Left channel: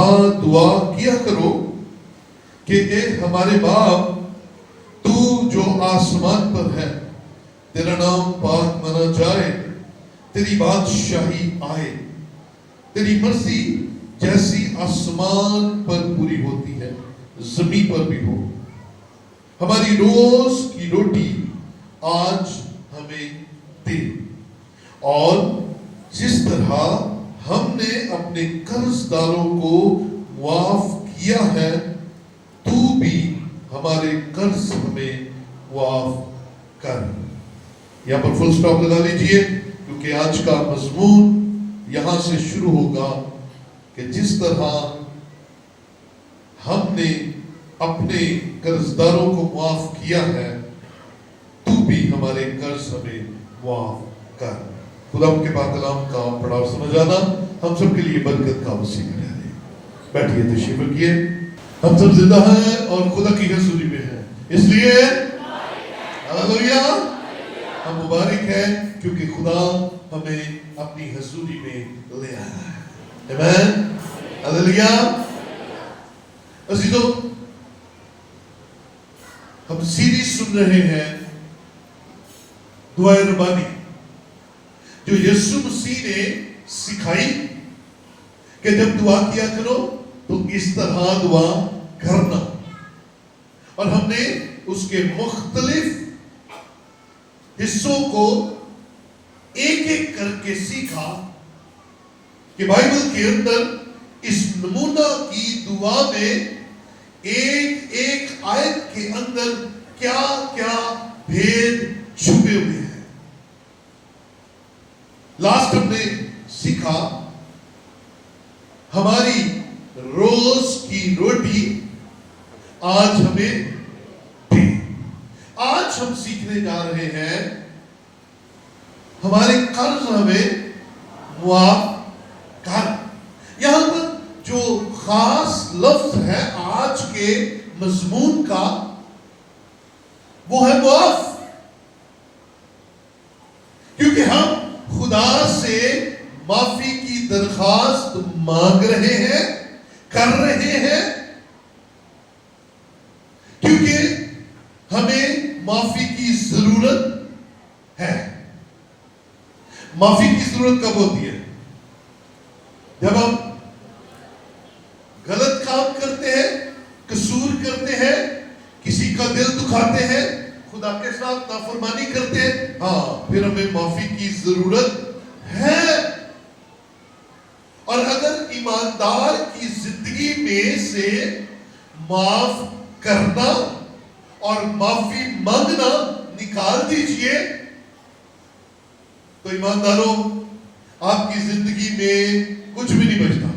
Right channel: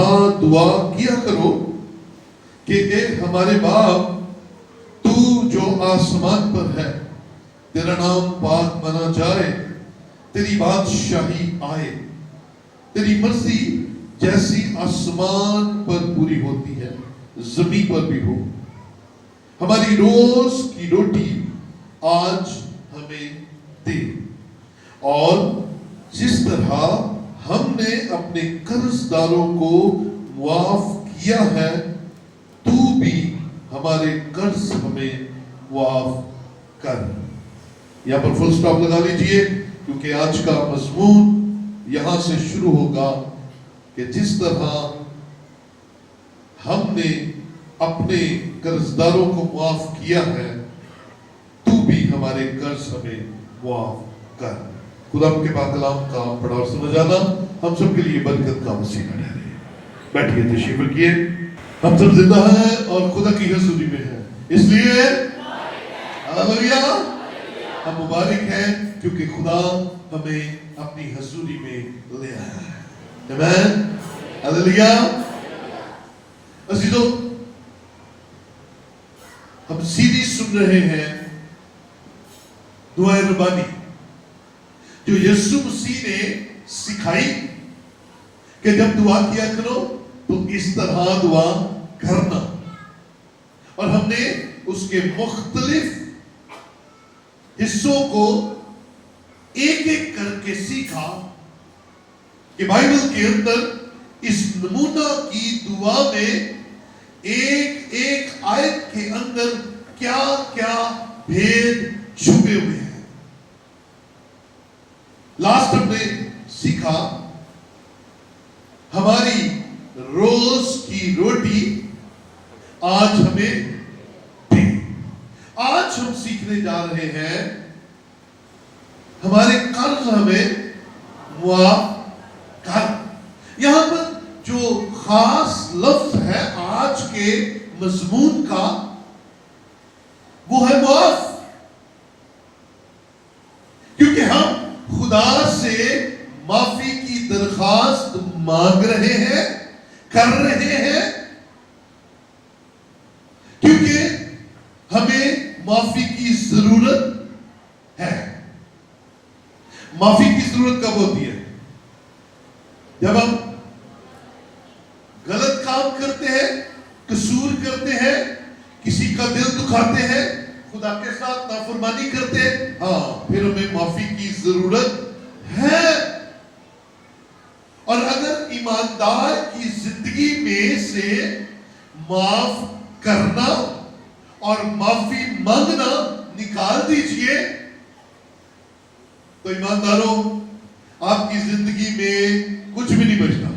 طرح دعا کیا کرو کہ اے ہمارے باپ، تو جو آسمان پر ہے، تیرا نام پاک مانا جائے، تیری بادشاہی آئے، تیری مرضی جیسی آسمان پر پوری ہوتی ہے زمین پر بھی ہو۔ ہماری روز کی روٹی آج ہمیں دے، اور جس طرح ہم نے اپنے قرض داروں کو معاف کیا ہے، تو بھی ہمارے قرض ہمیں معاف کر۔ یہاں پر فل سٹاپ لگا لیجئے، کیونکہ آج کا مضمون یہاں سے شروع ہوگا کہ جس طرح ہم نے اپنے قرض داروں کو معاف کیا ہے، تو بھی ہمارے قرض ہمیں معاف کر۔ خدا کے پاک کلام کا پڑھاؤ سمجھانا ہم سب کے لیے برکت کا وسیلہ ٹھہرے۔ بیٹھیے، تشریف رکھیے۔ ہم سب زندہ ہیں اور خدا کی حضوری میں ہیں، اس لیے ہاللویا، ہم مبارک ہیں کیونکہ خدا ہمیں اپنی حضوری میں لے آیا ہے۔ آمین، ہاللویا۔ عزیزو، ہم سیریز سن رہے ہیں دعائے ربانی، جو یسوع مسیح نے سکھائی کہ جب دعا کیا کرو تو اس طرح دعا کرنا، اور ہم نے اس کے مختلف حصوں کو ایک ایک کر کے سیکھا کہ بائبل کے اندر اس نمونہ کی دعا میں ایک ایک آیت کے اندر کیا کیا بھید چھپے ہوئے ہیں۔ لاسٹ ہم نے سیکھا ہماری روز کی روٹی آج ہمیں دے۔ آج ہم سیکھنے جا رہے ہیں ہمارے قرض ہمیں معاف کر۔ یہاں پر جو خاص لفظ ہے آج کے مضمون کا، وہ ہے معاف، کیونکہ ہم خدا سے معافی کی درخواست مانگ رہے ہیں، کر رہے ہیں، کیونکہ ہمیں معافی کی ضرورت ہے۔ معافی کی ضرورت کب ہوتی ہے؟ جب ہم غلط کام کرتے ہیں، قصور کرتے ہیں، کسی کا دل دکھاتے ہیں، خدا کے ساتھ نافرمانی کرتے ہیں، ہاں پھر ہمیں معافی کی ضرورت ہے۔ اور اگر ایماندار کی زندگی میں سے معاف کرنا اور معافی مانگنا نکال دیجئے تو ایمانداروں، آپ کی زندگی میں کچھ بھی نہیں بچتا،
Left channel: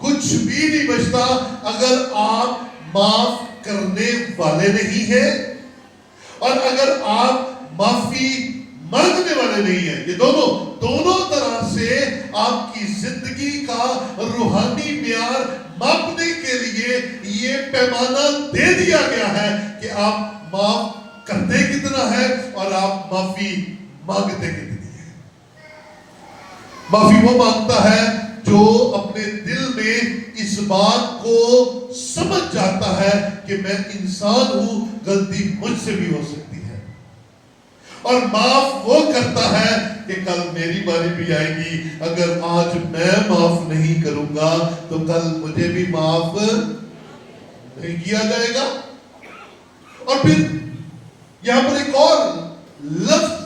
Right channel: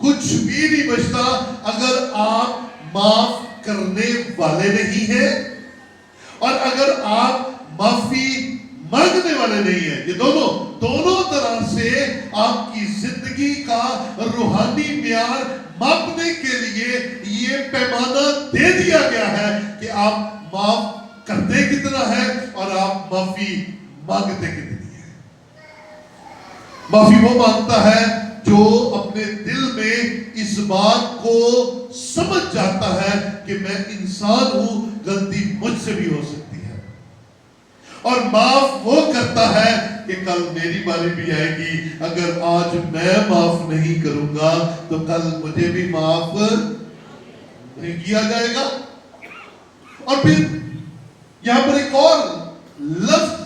کچھ بھی نہیں بچتا اگر آپ معاف کرنے والے نہیں ہیں، اور اگر آپ معافی مانگنے والے نہیں ہیں۔ یہ دونوں طرح سے آپ کی زندگی کا روحانی معیار ماپنے کے لیے یہ پیمانہ دے دیا گیا ہے کہ آپ معاف کرتے کتنا ہے اور آپ معافی مانگتے کتنی ہے۔ معافی وہ مانگتا ہے جو اپنے دل میں اس بات کو سمجھ جاتا ہے کہ میں انسان ہوں، غلطی مجھ سے بھی ہو سکتی ہے، اور معاف وہ کرتا ہے کہ کل میری باری بھی آئے گی، اگر آج میں معاف نہیں کروں گا تو کل مجھے بھی معاف نہیں کیا جائے گا۔ اور پھر یہاں پر ایک اور لفظ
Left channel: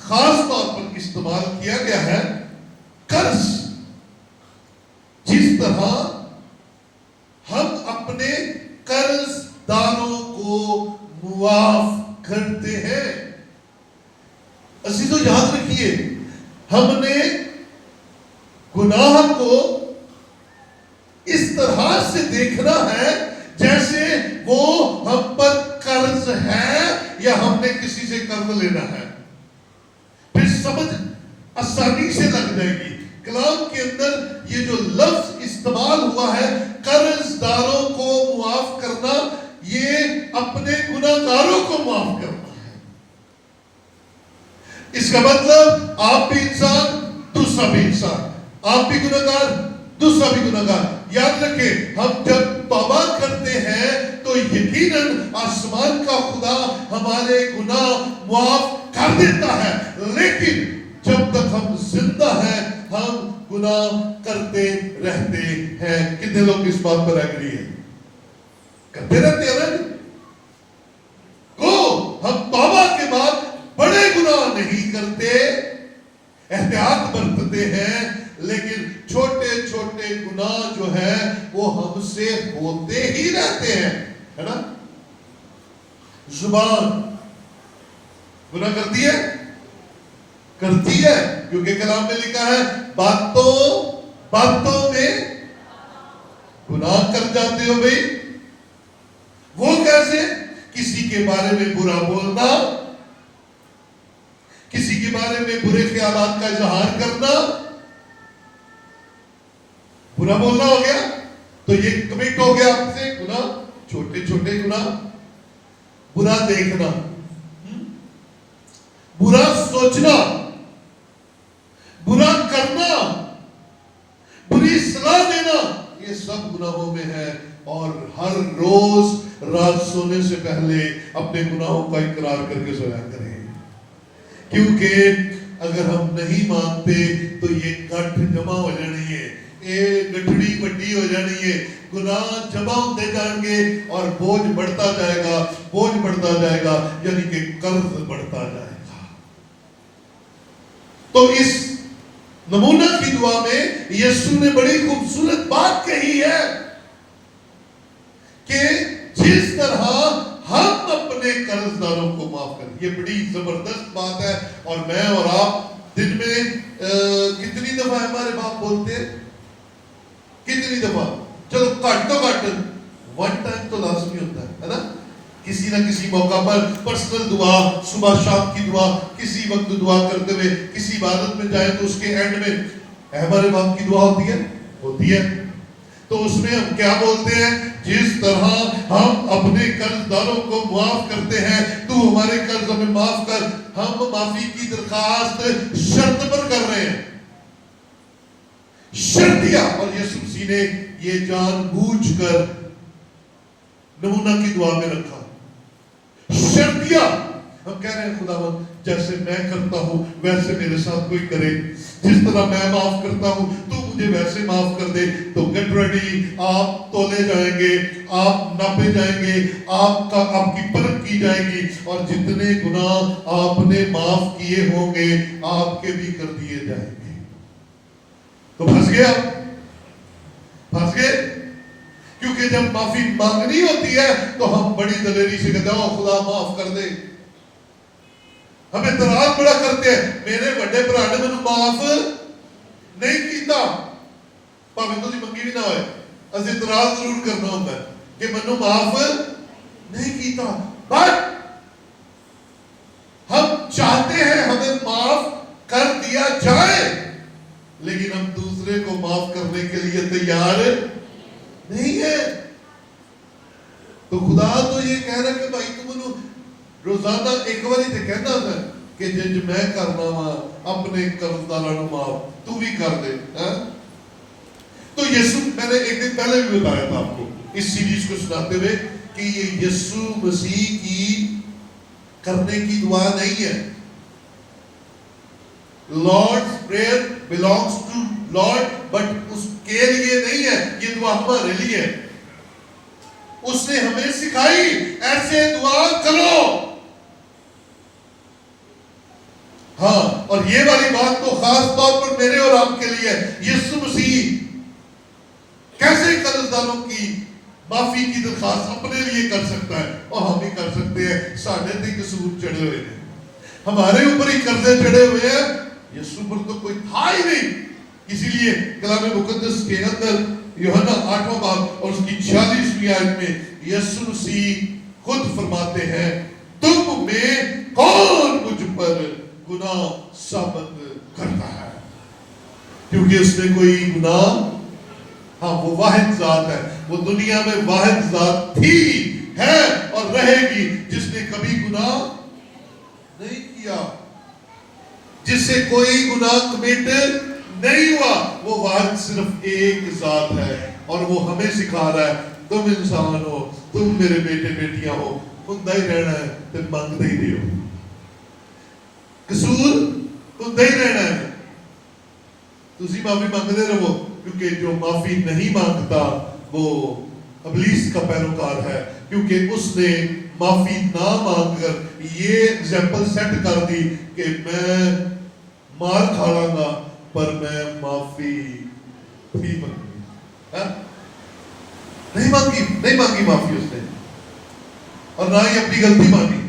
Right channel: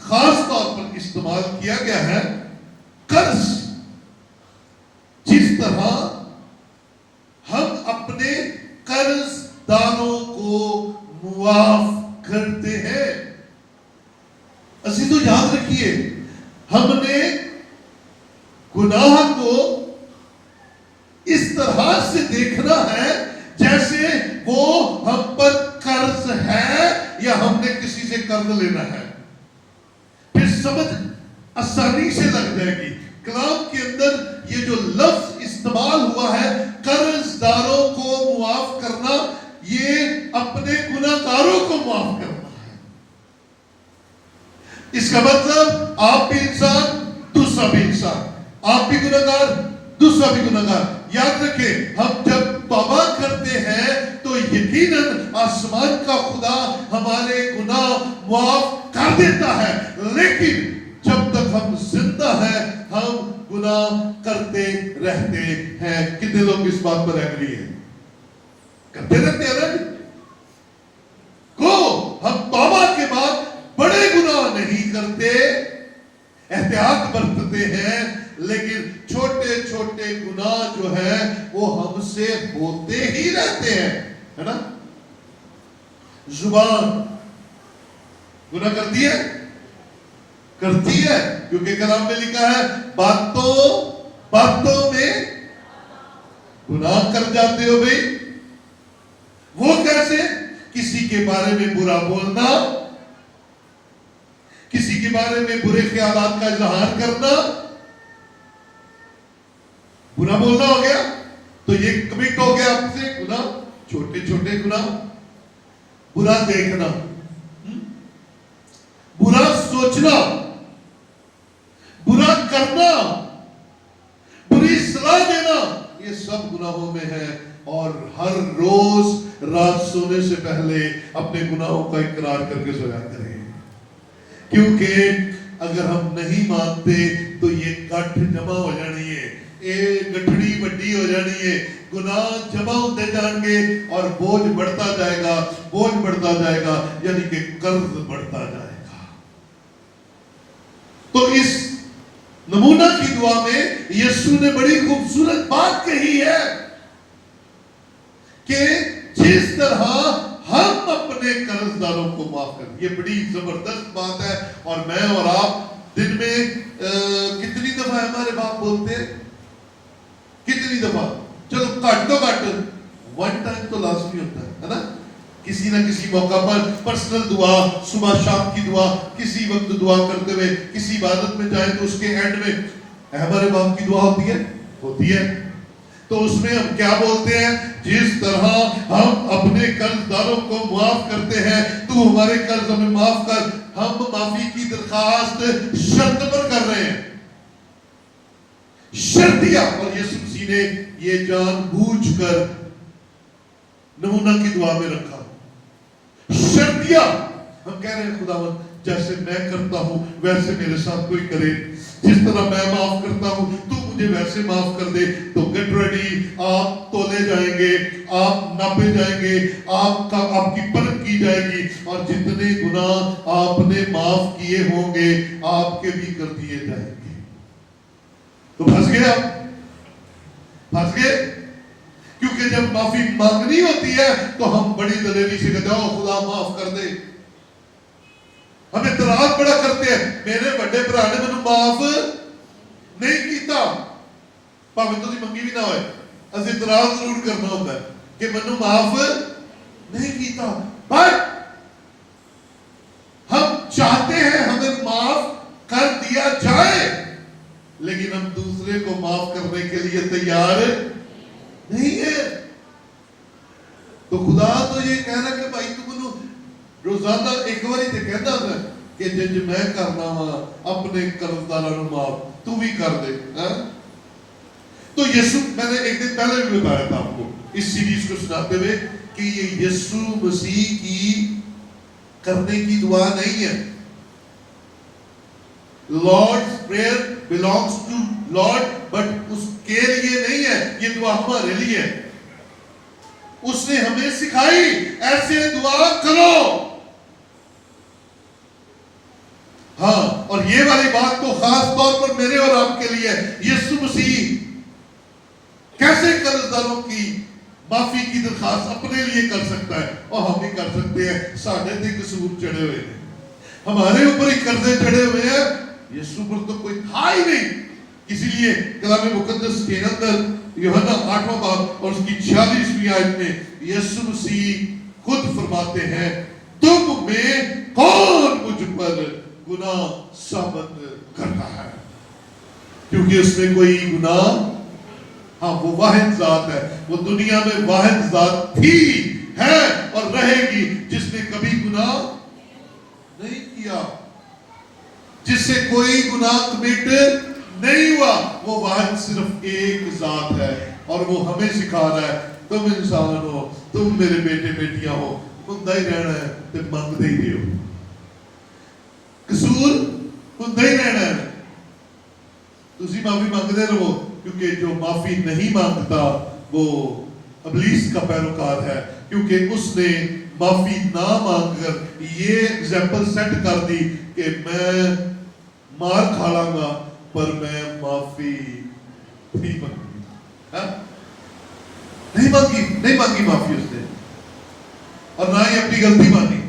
خاص طور پر استعمال کیا گیا ہے، قرض۔ جس طرح ہم اپنے قرض داروں کو معاف کرتے ہیں، عزیزو یاد رکھیے، ہم نے گناہ کو اس طرح سے دیکھنا ہے جیسے وہ ہم پر قرض ہے یا ہم نے کسی سے قرض لینا ہے۔ پھر سمجھ آسانی سے لگ جائے گی۔ کلام کے اندر یہ جو لفظ استعمال ہوا ہے قرض داروں کو معاف کرنا، یہ اپنے گناہ گاروں کو معاف کرنا ہے۔ اس کا مطلب آپ بھی انسان، دوسرا بھی انسان، آپ بھی گناہ گار، دوسرا بھی گناہگار. یاد رکھیں ہم جب توبہ کرتے ہیں تو یقیناً آسمان کا خدا ہمارے گناہ معاف کر دیتا ہے. لیکن جب تک ہم زندہ ہیں ہم گناہ کرتے رہتے ہیں. کتنے لوگ اس بات پر ایگری ہیں؟ کرتے رہتے ہیں. کو ہم توبہ کے بعد بڑے گناہ نہیں کرتے، احتیاط برتتے ہیں، لیکن چھوٹے چھوٹے گناہ جو ہیں وہ ہم سے ہوتے ہی رہتے ہیں، ہے نا؟ زبان گناہ کرتی ہے، کرتی ہے، کیونکہ کلام میں لکھا ہے باتوں میں گناہ کر جاتے ہو بھئی. وہ کیسے؟ کسی کے بارے میں برا بولنا، کسی کے بارے میں برے خیالات کا اظہار کرنا. برا بولنا ہو گیا تو یہ کمٹ ہو گیا آپ سے گناہ، چھوٹے چھوٹے گناہ. برا دیکھنا، برا سوچنا، برا کرنا، بری صلاح دینا، یہ سب گناہوں میں ہے. اور ہر روز رات سونے سے پہلے اپنے گناہوں کا اقرار کر کے سویا کریں، کیونکہ اگر ہم نہیں مانتے تو یہ گٹھ جمع ہو جانی ہے، یہ گٹھڑی بڑی ہو جانی ہے. گناہ جمع ہوتے جائیں گے اور بوجھ بڑھتا جائے گا، بوجھ بڑھتا جائے گا، یعنی کہ قرض بڑھتا جائے گا. تو اس نمونہ کی دعا میں یسوع نے بڑی خوبصورت بات کہی ہے کہ جس طرح ہم اپنے قرض داروں کو معاف کریں. یہ بڑی زبردست بات ہے. اور میں اور آپ دن میں کتنی دفعہ ہمارے باپ بولتے ہیں؟ کتنی دفعہ؟ چلو کٹ تو کٹ ون ٹائم تو لازمی ہوتا ہے نا؟ کسی نہ کسی موقع پر پرسنل دعا، صبح شام کی دعا، کسی وقت دعا کرتے ہوئے کسی عبادت میں جائیں تو اس کے اینڈ میں ہمارے باپ کی دعا ہوتی ہے، ہوتی ہے. تو اس میں ہم کیا بولتے ہیں؟ جس طرح ہم اپنے قرض داروں کو معاف کرتے ہیں تو ہمارے قرض ہمیں معاف کر. ہم معافی کی درخواست شرط پر کر رہے ہیں، شرطیہ. اور یسوع مسیح نے یہ جان بوجھ کر نمونہ کی دعا میں رکھا، شرطیہ. ہم کہہ رہے ہیں خداوند جیسے میں کرتا ہوں ویسے میرے ساتھ کوئی کرے، جس طرح میں معاف کرتا ہوں تو مجھے ویسے معاف کر دے. تو گیٹ ریڈی، آپ تولے جائیں گے، آپ ناپے جائیں گے، آپ کی پرکھ کی جائے گی، اور جتنے گناہ آپ نے معاف کیے ہوں گے آپ کے بھی کر دیے جائیں گے. تو پھنس گئے آپ، پھنس گئے. کیونکہ جب معافی مانگنی ہوتی ہے تو ہم بڑی دلیری سے کہتے ہیں خدا معاف کر دے. ہم اعتراض بڑا کرتے ہیں، میرے بڑے برا نے مجھے معاف نہیں کیتا. پاویں تو منگی بھی نہ ہوئے، اسے اعتراض ضرور کرنا ہوتا ہے کہ مجھے معاف نہیں کیتا. بٹ ہم چاہتے ہیں ہمیں معاف کر دیا جائے، لیکن ہم دوسرے کو معاف کرنے کے لیے تیار نہیں ہے. تو خدا تو یہ کہہ رہا کہ بھائی تم روزانہ ایک بار ہی کہنا ہے کہ جج میں کرنا وا اپنے قرض داروں معاف تو بھی کر دے. تو یسوع، میں نے ایک دن پہلے بھی بتایا تھا آپ کو اس سیریز کو سناتے ہوئے کہ یہ یسوع مسیح کی کرنے کی دعا نہیں ہے. Lord's prayer belongs to Lord, but اس کے لیے نہیں ہے، یہ دعا ہمارے لیے ہے. اس نے ہمیں سکھائی ایسے دعا کرو. ہاں، اور یہ والی بات تو خاص طور پر میرے اور آپ کے لیے. یسوع مسیح کیسے قرض داروں کی معافی کی درخواست اپنے لیے کر سکتا ہے؟ اور ہم بھی کر سکتے ہیں. ساڑھے تے قصور چڑھے ہوئے ہیں، ہمارے اوپر ہی قرضے چڑھے ہوئے ہیں. یسوع پر تو کوئی تھا ہی نہیں. اسی لیے کلام مقدس کے اندر یوحنا 8واں باب اور اس کی 46ویں آیت میں یسوع مسیح خود فرماتے ہیں تم میں کون مجھ پر گناہ ثابت کرتا ہے؟ کیونکہ اس میں کوئی گناہ، ہاں وہ واحد ذات ہے، وہ دنیا میں واحد ذات تھی، ہے اور رہے گی جس نے کبھی گناہ نہیں کیا، جس سے کوئی گناہ کمٹ نہیں ہوا. وہ واحد صرف ایک ذات ہے اور وہ ہمیں سکھا رہا ہے تم انسان ہو, تم میرے بیٹے بیٹیاں ہو, منگتا ہی رہنا ہے تے منگتے ہی رہو. قصور منگتا ہی رہنا ہے, تسی معافی مانگتے رہو, کیونکہ جو معافی نہیں مانگتا وہ ابلیس کا پیروکار ہے, کیونکہ اس نے معافی نہ مانگ کر یہ ایگزامپل سیٹ کر دی کہ میں مار کھاڑا گا پر میں معافی نہیں مانگی. نہیں مانگی معافی اس نے, اور نہ ہی اپنی غلطی مانی.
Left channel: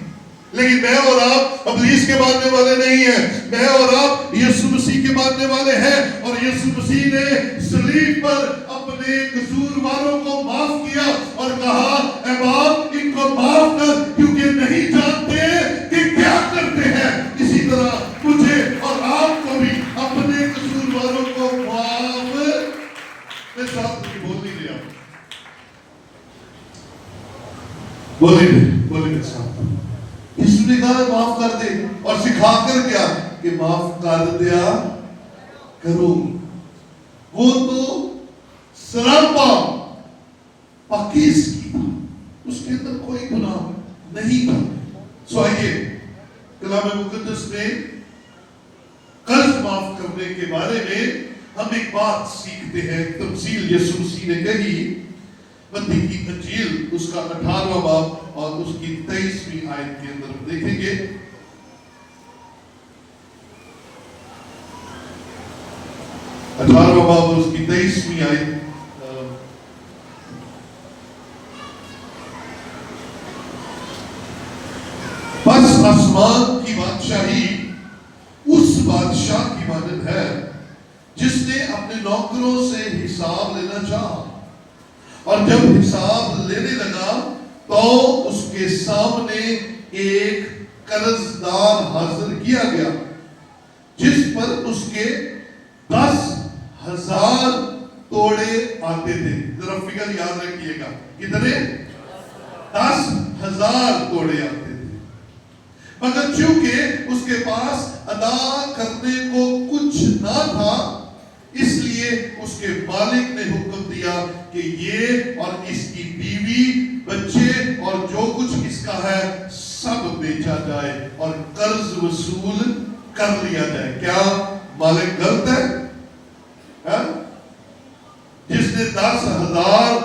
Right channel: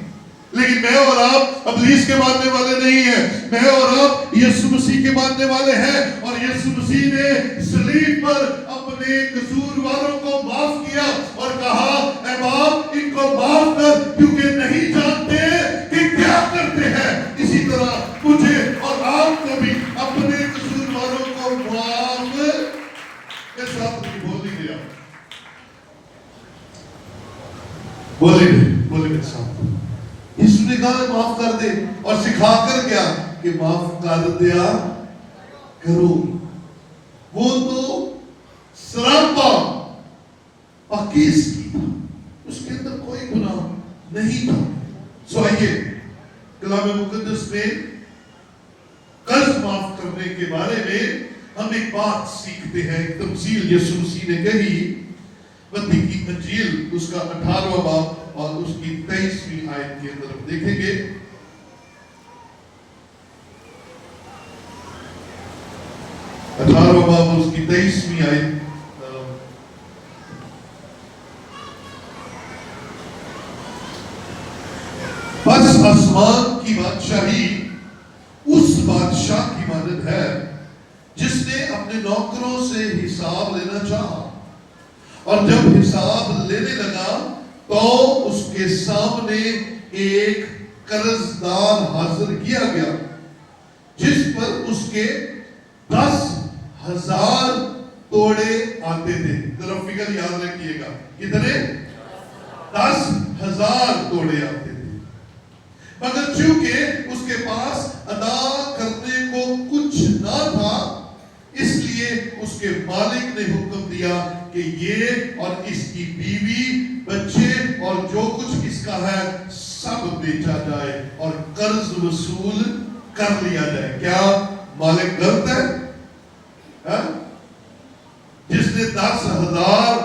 لیکن میں اور آپ ابلیس کے ماننے والے نہیں ہیں, میں اور آپ یسوع مسیح کے ماننے والے ہیں, اور یسوع مسیح نے صلیب پر اپنے قصور والوں کو معاف کیا اور کہا اے باپ ان کو معاف کر کیونکہ نہیں جانتے کہ کیا کرتے ہیں. اسی طرح مجھے اور آپ کو بھی اپنے قصور والوں کو معاف کے ساتھ بول نہیں دیا. بولے میرے ساتھ یسوع نے کہا معاف کر دے, اور سکھا کر کیا کہ معاف کر دیا کرو. وہ تو سراپا پاکیز کی تھا, اس کے اندر کوئی گناہ نہیں تھا. سو آئیے کلام مقدس میں قرض معاف کرنے کے بارے میں ہم ایک بات سیکھتے ہیں. تمثیل یسوع مسیح نے کہی متی کی انجیل اس کا 18واں باب اور اس کی 23ویں آیت کے اندر ہم دیکھیں گے. اٹھارہواں باب اس کی 23ویں آیت. بس آسمان کی بادشاہی اس بادشاہ کی مانند ہے جس نے اپنے نوکروں سے حساب لینا چاہا, اور جب حساب لینے لگا تو اس کے سامنے ایک قرض دار حاضر کیا گیا جس پر اس کے 10,000 توڑے آتے تھے. ذرا فگر یاد رکھیے گا, کتنے؟ 10,000 توڑے آتے تھے. مگر چونکہ اس کے پاس ادا کرنے کو کچھ نہ تھا, اس لیے اس کے مالک نے حکم دیا کہ یہ اور اس کی بیوی بچے اور جو کچھ اس کا ہے سب بیچا جائے اور قرض وصول کر لیا جائے. کیا مالک غلط ہے؟ جس نے 10,000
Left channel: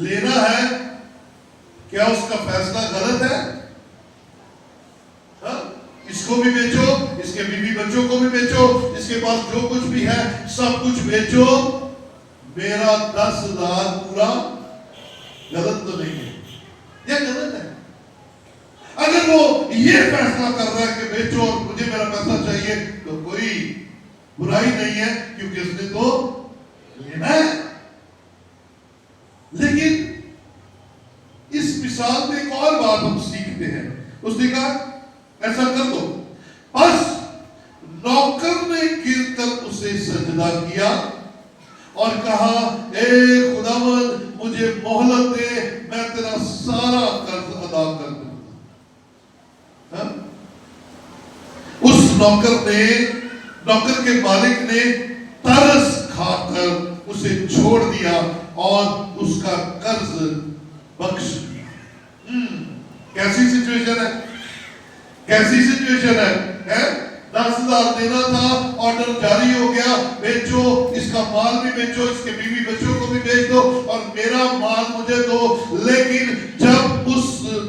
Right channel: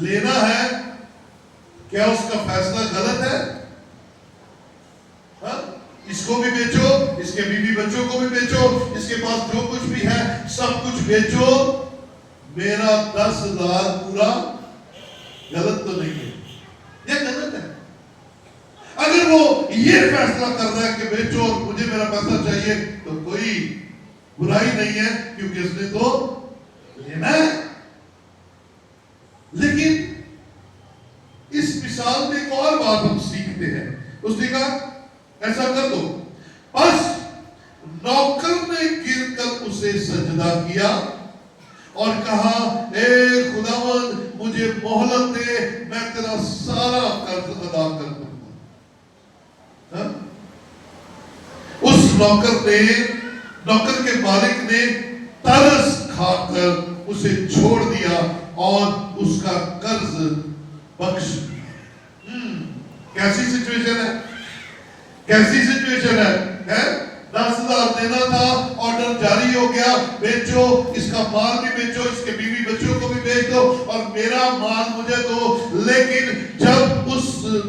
لینا ہے, کیا اس کا فیصلہ غلط ہے؟ اس کو بھی بیچو, اس کے بیوی بچوں کو بھی بیچو, اس کے پاس جو کچھ بھی ہے سب کچھ بیچو, میرا 10,000 پورا. غلط تو نہیں ہے, یہ غلط ہے. اگر وہ یہ فیصلہ کر رہا ہے کہ بیچو اور مجھے میرا پیسہ چاہیے تو کوئی برائی نہیں ہے, کیونکہ اس نے تو لینا ہے. لیکن اس مثال میں ایک اور بات ہم سیکھتے ہیں. اس نے کہا ایسا کر دو. بس نوکر نے گر کر اسے سجدہ کیا اور کہا اے خداوند مجھے مہلت دے, میں تیرا سارا قرض ادا کر دوں گا. اس نوکر کے مالک نے ترس کھا کر اسے چھوڑ دیا اور اس کا قرض بخش دیا. کیسی سچویشن ہے, کیسی سچویشن ہے؟ 10,000 دینا تھا, آرڈر جاری ہو گیا, بیچو, اس کا مال بھی بیچو, اس کے بیوی بچوں کو بھی بیچ دو اور میرا مال مجھے دو. لیکن جب اس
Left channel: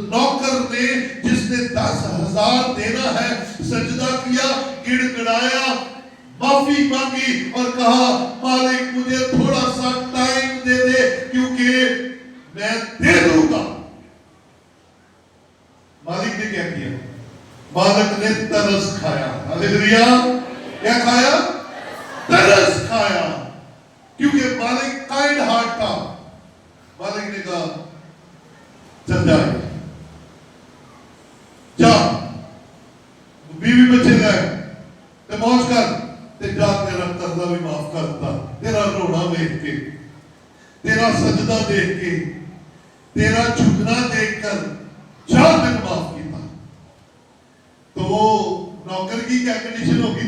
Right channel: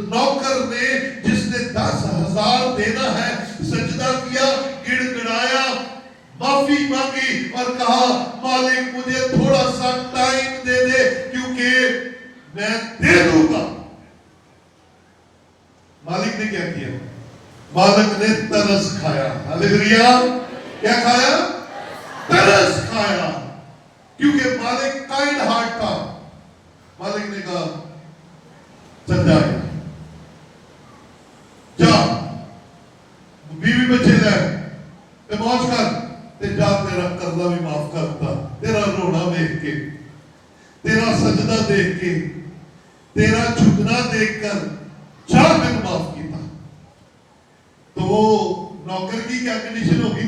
نوکر نے جس نے 10,000 دینا ہے سجدہ کیا, گڑ گڑایا, معافی مانگی اور کہا مالک مجھے تھوڑا سا ٹائم دے دے کیونکہ میں دے دوں گا. مالک نے کیا کیا؟ مالک نے ترس کھایا. ہلیلویا. کیا کھایا؟ ترس کھایا, کیونکہ مالک کائنڈ ہارٹ تھا. مالک نے کہا چل جائے, جا بیوی بچے لے تے موج کر, تے جا تیرا قرضہ بھی معاف کرتا. تیرا رونا دیکھ کے, تیرا سجدہ دیکھ کے, تیرا جھکنا دیکھ کر جا میں معاف کیتا. تو وہ نوکر کی کیا کنڈیشن ہوگی؟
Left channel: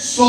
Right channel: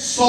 100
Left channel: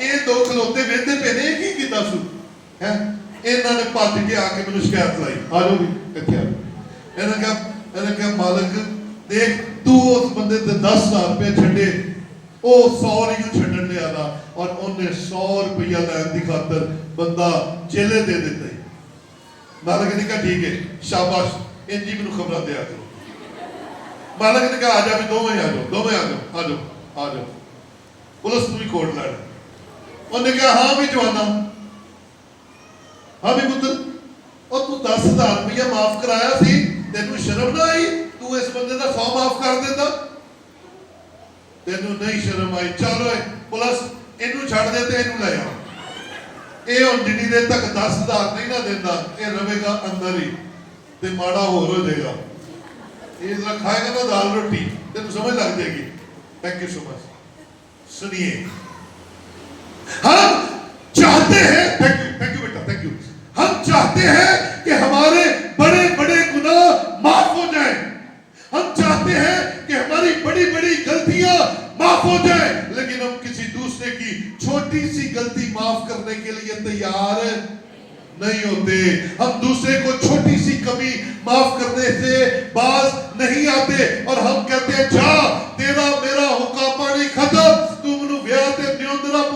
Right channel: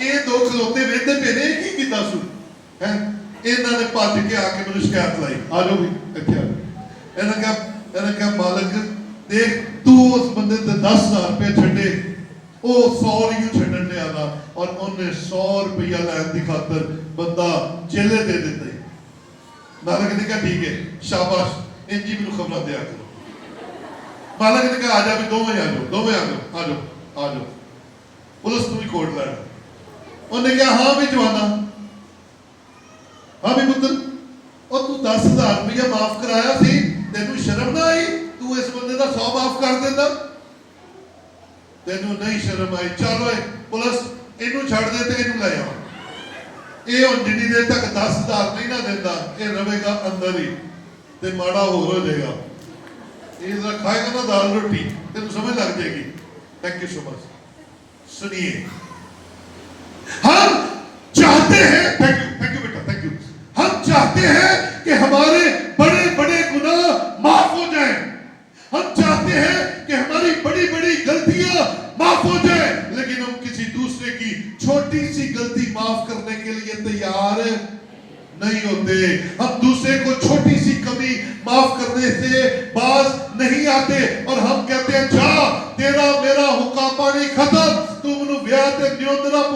یہ دو کھلوتے وہدے پہ نے کی کیتا سو ہے انہوں نے پھج کے آ کے مینوں شکایت لائی آ جاؤ بھی اتنے آ جاؤ انہوں نے کہا مالک دیکھ تو اس بندے تے 10,000 روپے چھڈے وہ 100 نہیں چھڈن دیا تھا اور انہیں 100 روپیہ لین دی خاطر بندہ چیلے دے دیتے مالک نے کہا ٹھیک ہے شاباش انجی مینوں خبر دیا کرو مالک نے کہا آ جا بھی دو میں آ جاؤ پولیس تو بھی کوٹ لڑا انہوں نے کہا ہاں بھی جوانا ہاں بھی پتر اور تو 10,000 روپیہ معاف کرایا سی تینوں شرم نہ آئی تو اس بندے دا 100 معاف کر دیتا تینوں نہیں شرم آئی چلو پولیس اینوں چھڑ دے تے اینوں لے آؤ اے ہن جنی دیر تک 10,000 نہیں نہ دیندا اے رہے گا اندر ہی تے ماڑا ہور ہو جائے گا یہ ذرا کھائے گا نا دال روٹی تینوں سمجھ لگ جائے گی تھینک یو سو مچ سنیے ہم چاہتے ہیں thank you beta thank you ہم چاہتے ہیں کہ ہمارے بڑے بڑے گناہ معاف ہو جائیں ہم چاہتے ہیں کہ ہماری بڑی بڑی غلطیاں معاف ہو جائیں لیکن ہم کسی دوسرے کی چھوٹی سی غلطی معاف کرنے کے لیے تیار نہیں ہوتے ہم دوسرے کو چھوٹی سی کمی معاف کرنے سے باز نہیں آتے اور ہم کہتے ہیں جا تیرا میرا حکا پانی ختم تو منو بیاہ تے نیوندرا